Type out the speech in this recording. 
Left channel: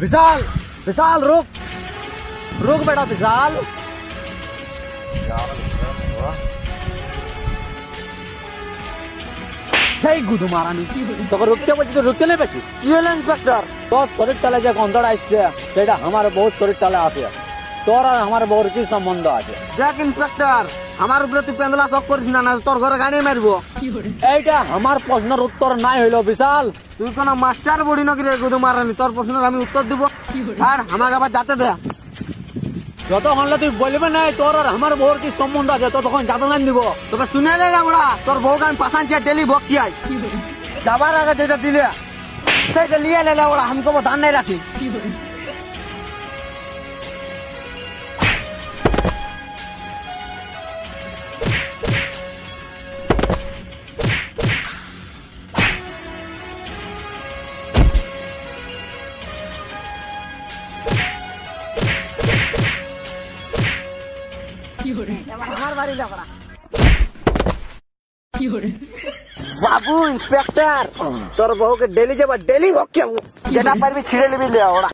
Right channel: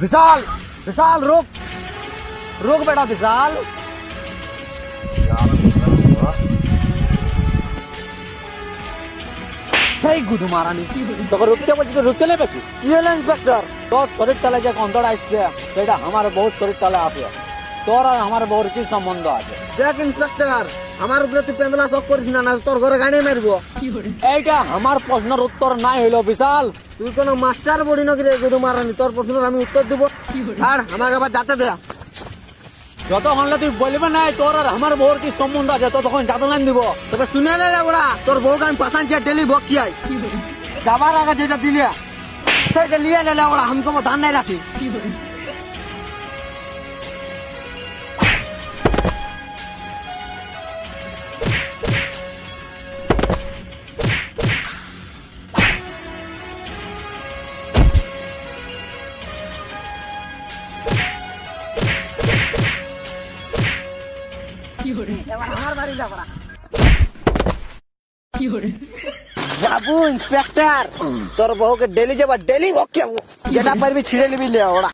विशाल विशाल रुक रुक बेटा विशाल गुदू मारा रुकते बच्चे रुकते नहीं बची ये इंस्पेक्टर तो शरीर तले जो अंदर आसছে সেটা আমার বহুত শরীর তলে আছে তোর আর আমার বউর কি সম্বন্ধ আছে দেখ ইন্সপেক্টর আমার উপরে তুই পেন্দলা সব করিস না তোর ঘরে গাড়ি মারবো এইটা আমার প্রশ্নের উত্তর নাই হইলো বিশাল তুই কোন মাস্টার বডি নাকি রে গুদু মারানি তোর প্রশ্নের আমি উত্তর দেব ছাড় আমাকে আবার যেতে দে যতক্ষণ তুই বলবে না তোর আর আমার বউর কি সম্বন্ধ আছে ততক্ষণ যাতে না দিব তোকে শুনে নেই না ওরা তোর বউকে আমি পাশানছি ডেলি ভক্তি আই যাবার আগে যেটা দিলে सबके लिए ले लो हमको वो ध्यान नहीं रखी बाबू इंस्पेक्टर तोर बहु के डेली जब डेली भक्के जेटा पर भी छिड़े भी ले ओड़ा